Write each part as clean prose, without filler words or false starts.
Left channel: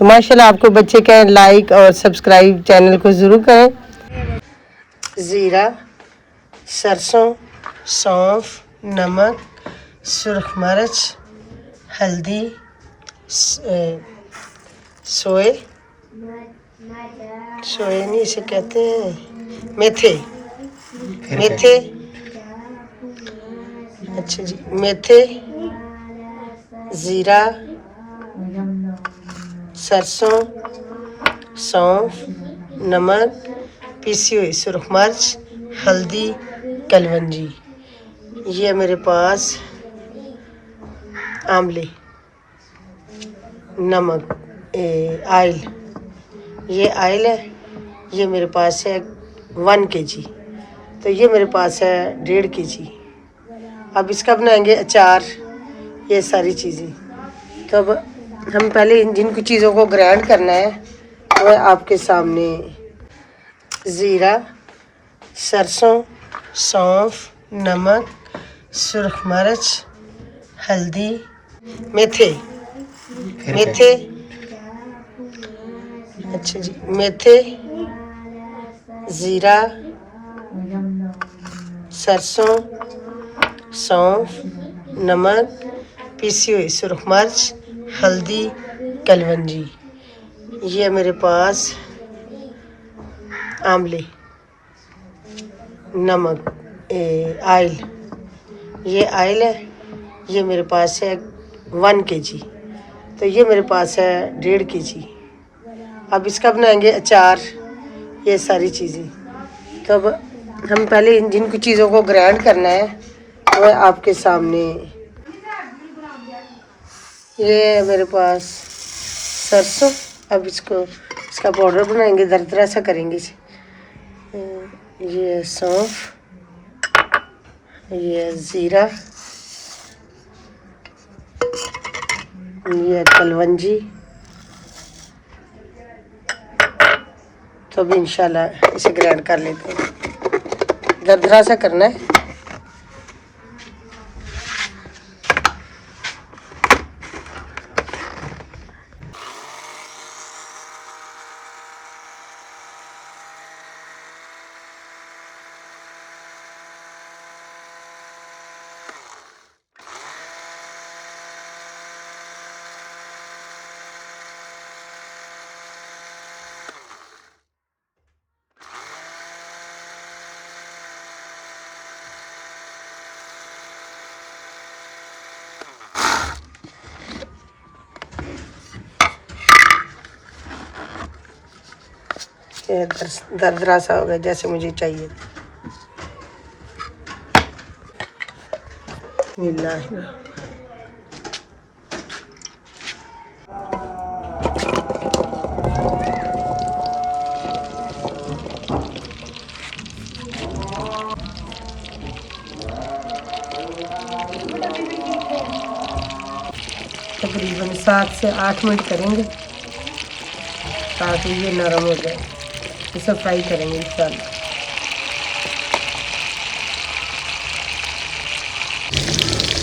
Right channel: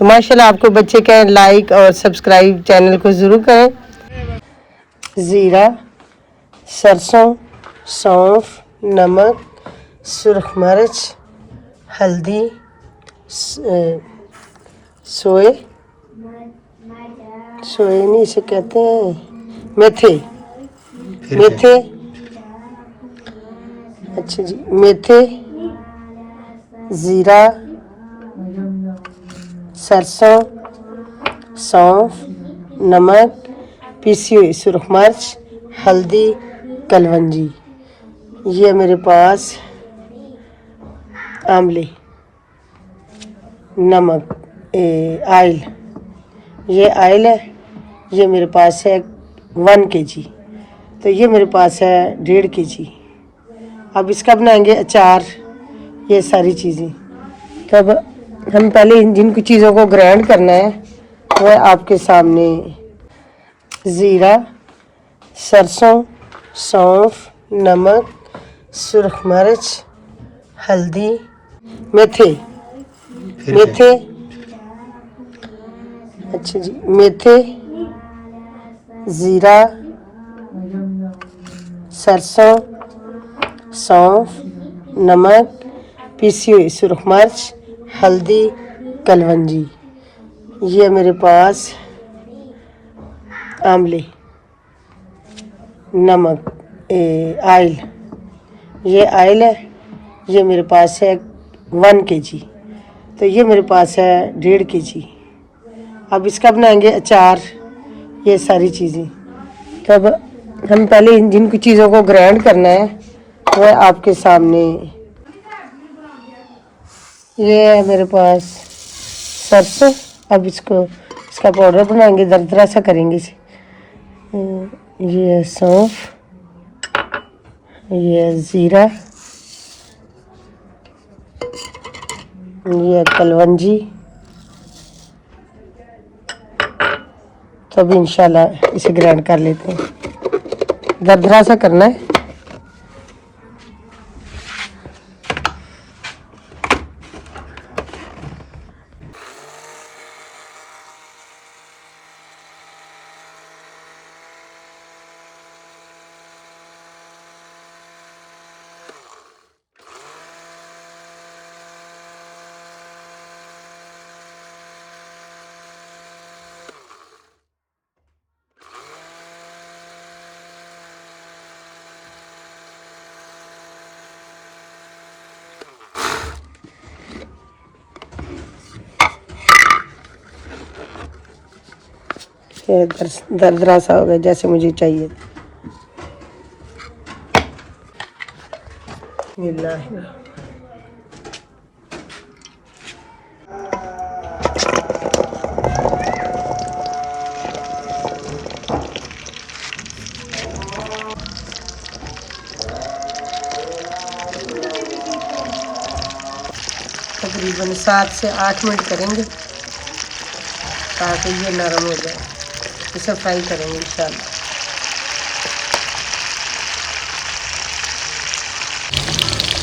तो माशाल्लाह आपको बच्चे कहें लाइक और सब्सक्राइब चैनल को ज़रूर करें। ज़ीरा, सरसों, सौंफ, नमक, सुरख मिर्च, हल्दी, सोए नहीं इसे कहते हैं, मेथे। अच्छा जी, मेथे, ज़ीरा, सरसों, सौंफ, नमक, पीसी हुई सुरख मिर्च, हल्दी, कलवंजी। ये मेरे पास आंवले, नमक, आयल, ये आयल है। ये मेरे पास है 1 kg, तो ये मेरे पास है 1.5 kg। अब इसका बनाएंगे अचार, ये सारी चीज़ें। तब हम पहले जिन कुछ चीज़ों को ग्राइंड करना है वो है आपके सामने। ज़ीरा, सरसों, सौंफ, नमक, सुरख मिर्च, हल्दी, मेथे। अच्छा जी, मेथे, ज़ीरा, सरसों, सौंफ, नमक, पीसी हुई सुरख मिर्च, हल्दी, कलवंजी। ये मेरे पास आंवले, नमक, आयल, ये आयल है। ये मेरे पास है 1 kg, तो ये मेरे पास है 1.5 kg। अब इसका बनाएंगे अचार, ये सारी चीज़ें। तब हम पहले जिन कुछ चीज़ों को ग्राइंड करना है वो है आपके सामने। ये है मेरे पास सरसों। अब इसका पाउडर बनाएंगे, दरदरा सा करेंगे इसे। ये है सौंफ, ये है ज़ीरा, ये है कलवंजी। तो अभी इंशाल्लाह इसे ग्राइंड कर लेते हैं, दरदरा सा करना है। दरदरा सा हो गया जैसे मुझे चाहिए। तकरीबन 7 से 8 मिनट करेंगे ताकि ये नरम हो जाए। इसे फ्राई करेंगे इंशाल्लाह।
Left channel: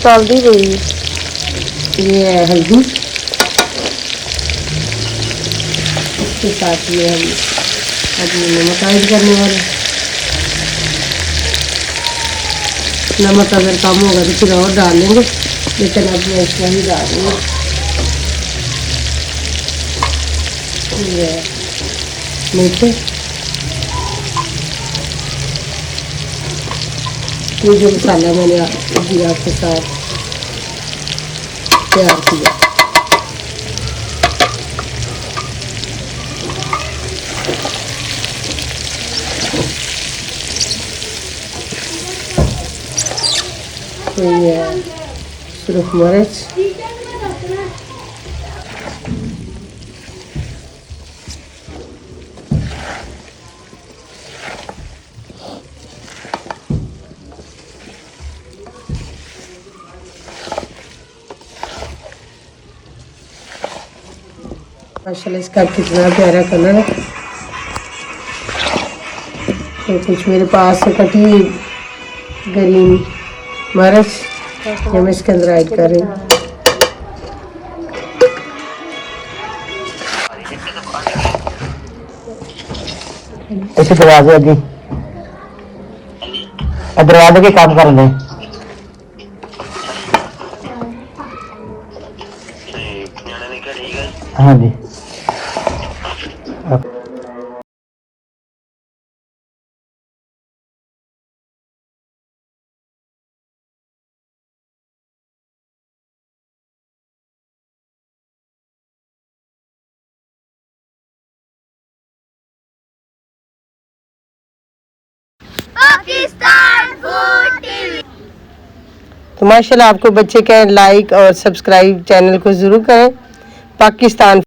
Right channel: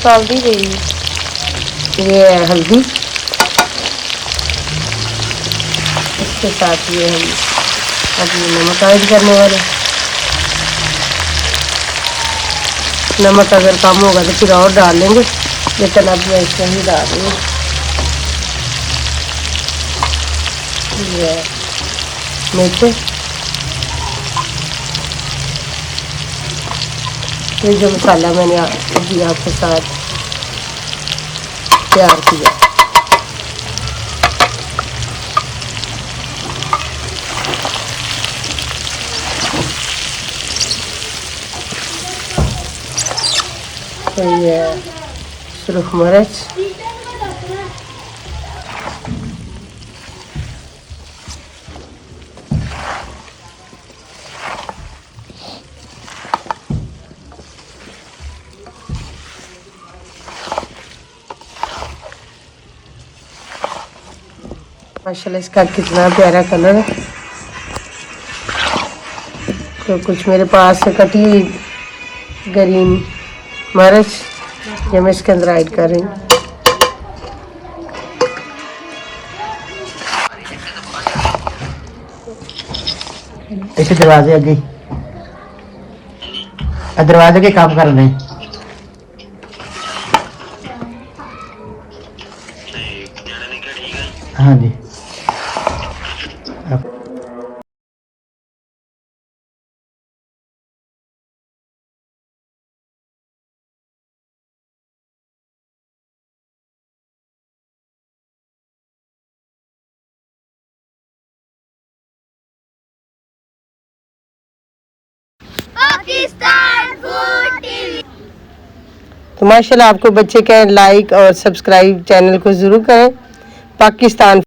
हल्दी हुई, ये है हल्दी, इसके साथ ये हम अभी नमक ऐड करने वाले। नमक अगर कम होगा तो फिर और डाल लेंगे, लेकिन अब मैं ऐसा ही डाल रही हूँ। ये मेथे, ये जो मसाला मैंने अभी आपके साथ तैयार किया। तो ये सुरख मिर्च, माशाल्लाह इसका कितना प्यारा कलर है। तो कुछ मेरे पास कटी ग्रीन मिर्च ये मैं इसके अंदर ऐड कर रही हूँ। इस दरवाजे अगे दरवाजे के काम कर रहे। हाँ जी। Pakistan food TV. तो माशाल्लाह आपको बच्चे कहें लाइक और सब्सक्राइब चैनल को ज़रूर करें। पाकिस्तान